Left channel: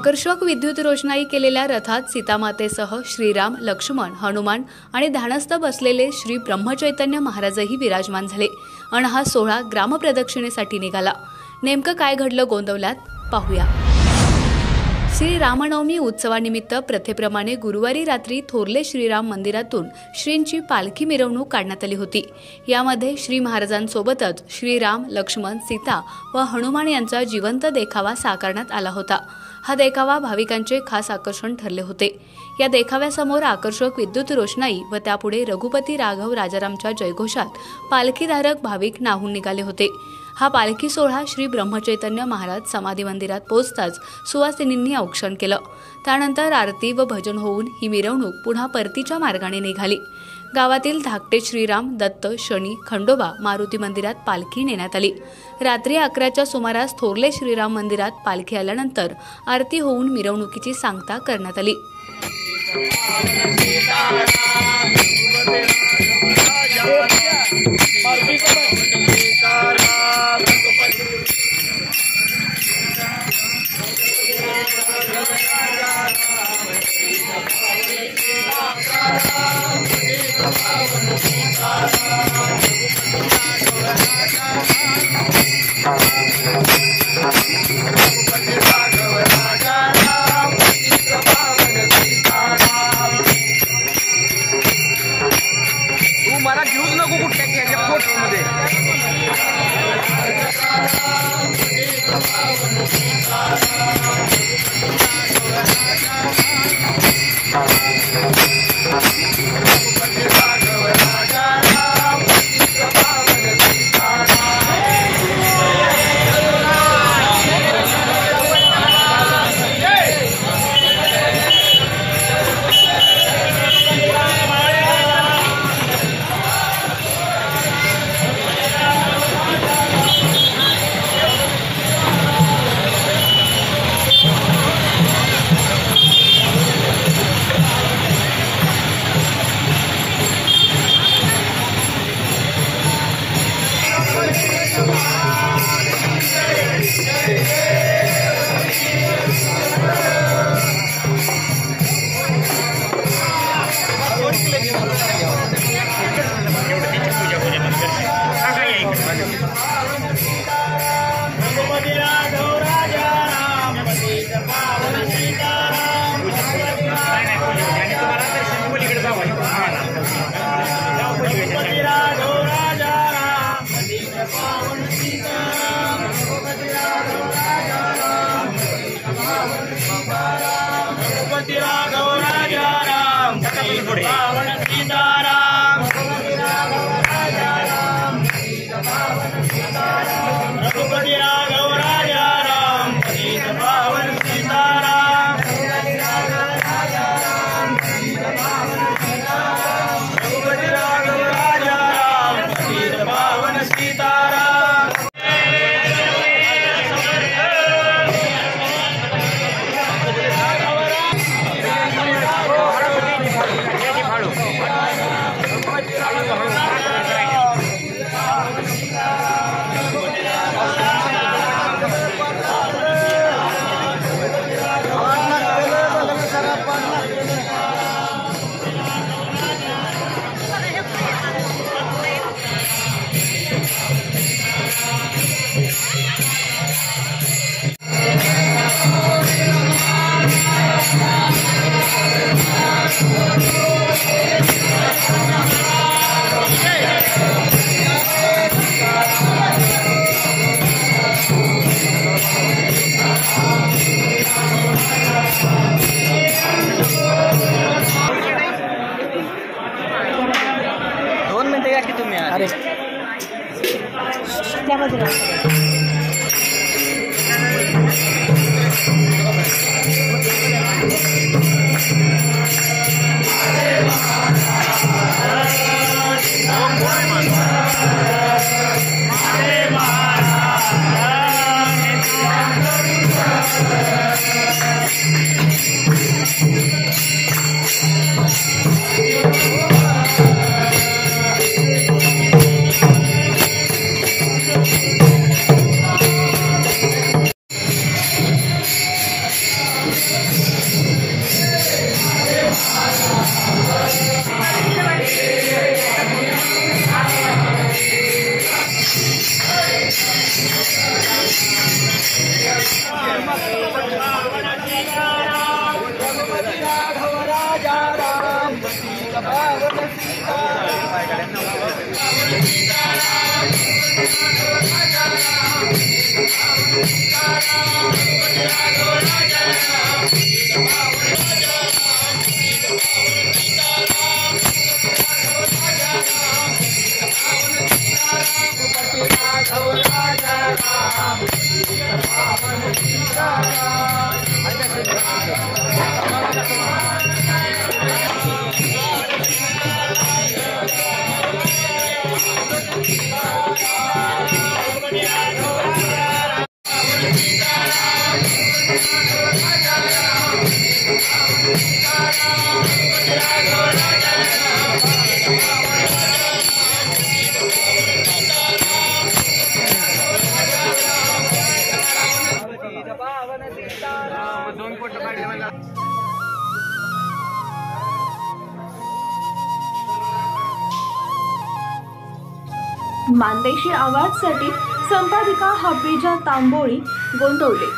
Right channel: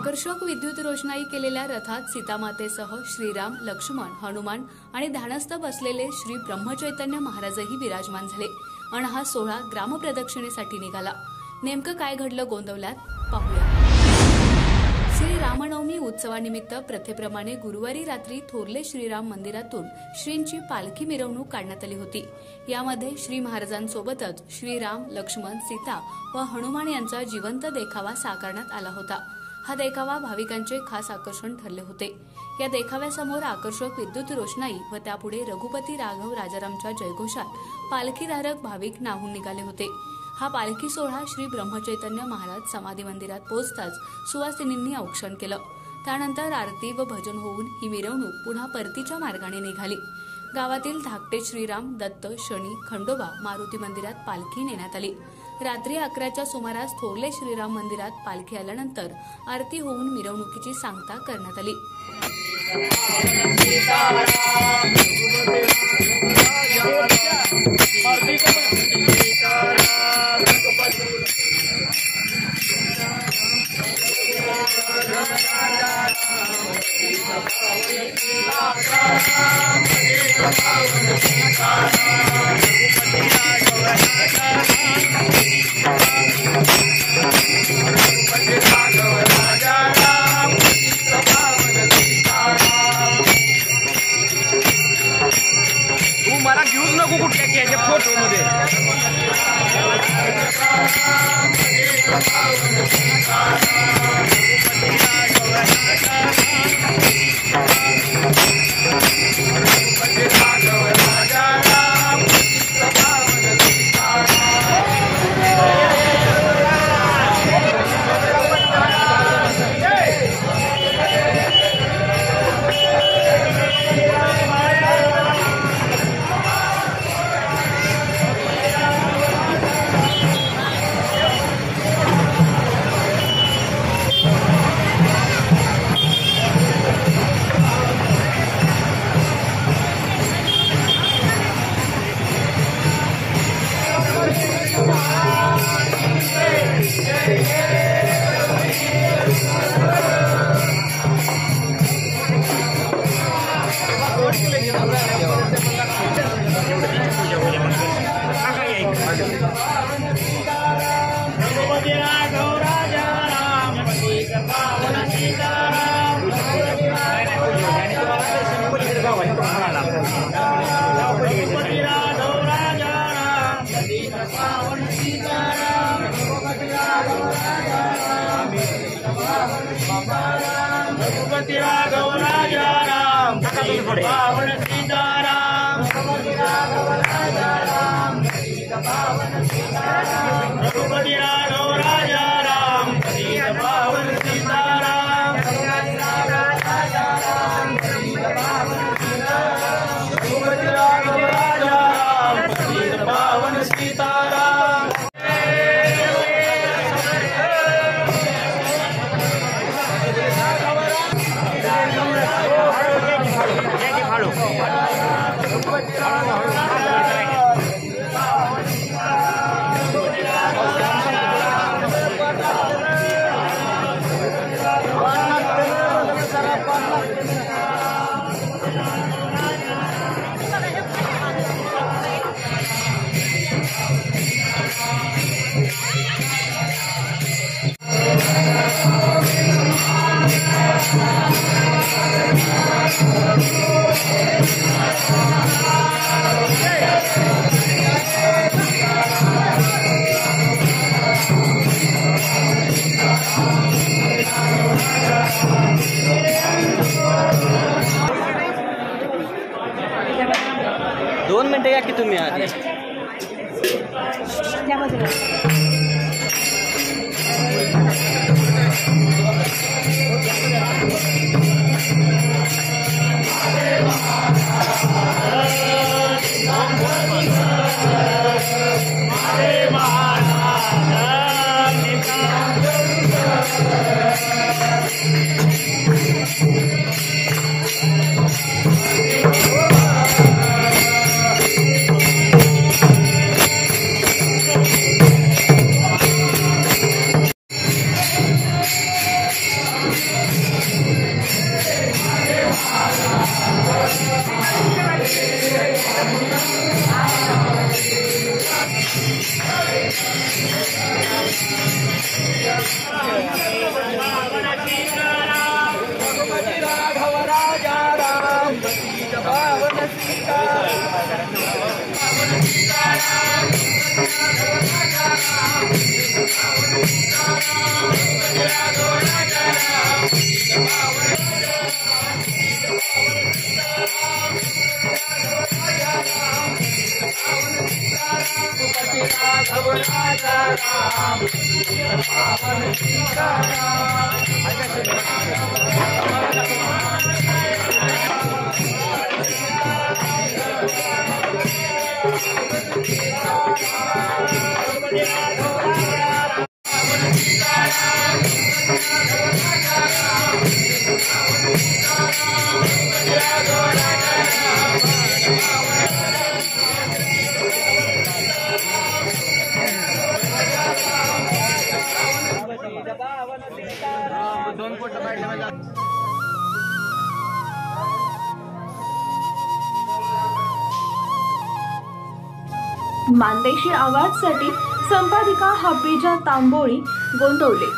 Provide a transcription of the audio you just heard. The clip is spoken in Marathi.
आकर्षक विद्युत रोषणाई केलेल्या रथात सीतामातेसह श्रीराम, लक्ष्मण, हनुमान आणि ध्यानस्थ बसलेले श्री ब्रह्मचैतन्य महाराजही विराजमान झाले आणि हा सोहळा ग्रामप्रदक्षिणेसाठी निघाला। नेमकं काय घडलं गोंदवल्यात पाहूया। श्री रामनवमी उत्सवानिमित्त प्रथेप्रमाणे गुरुवारी रात्री थोरले श्रीराम मंदिरातून श्रींची पालखी मिरवणूक काढण्यात आली होती। यामध्ये श्री महाराजांसोबतच श्रीराम, लक्ष्मण, सीता व हनुमान यांचा जिवंत देखावा साकारण्यात आला होता। हा देखावा भाविकांचे खास आकर्षण ठरले होते। या देखाव्यासमोर आकर्षक विद्युत रोषणाई व त्यापुढे रघुपती राघव राजारामच्या जयघोषात पालखीधारक भाविक नाहून निघाले होते। हा पालखी सोहळा श्री ब्रह्मचैतन्य महाराज समाधी मंदिरात पोहोचताच सुवासिनींनी औक्षण केलं। त्यानंतर आरती व भजन होऊन ही मिरवणूक पुन्हा परतीच्या मार्गाने निघाली। गावातील धाकटे श्रीराम, दत्त, शनी, खंडोबा मारुती मंदिरात पालखी नेण्यात आली। रात्री 11च्या सुमारास थोरले श्रीराम मंदिरात पालखी आल्यानंतर आरती होऊन मिरवणुकीची सांगता करण्यात आली। तू मला घेऊच नको कुठल्या फोटोमध्ये। रघुपती राघव राजा राम पतित पावन सीताराम। रघुपती राघव राजा राम पतित पावन सीताराम। रघुपती राघव राजा राम पतित पावन सीताराम। रघुपती राघव राजा राम पतित पावन सीताराम। रघुपती राघव राजा राम पतित पावन सीताराम। राजा राम पतित पावन मानदेशी आवाजसाठी संपादिका हबीजा तांबोळी गोंदवले।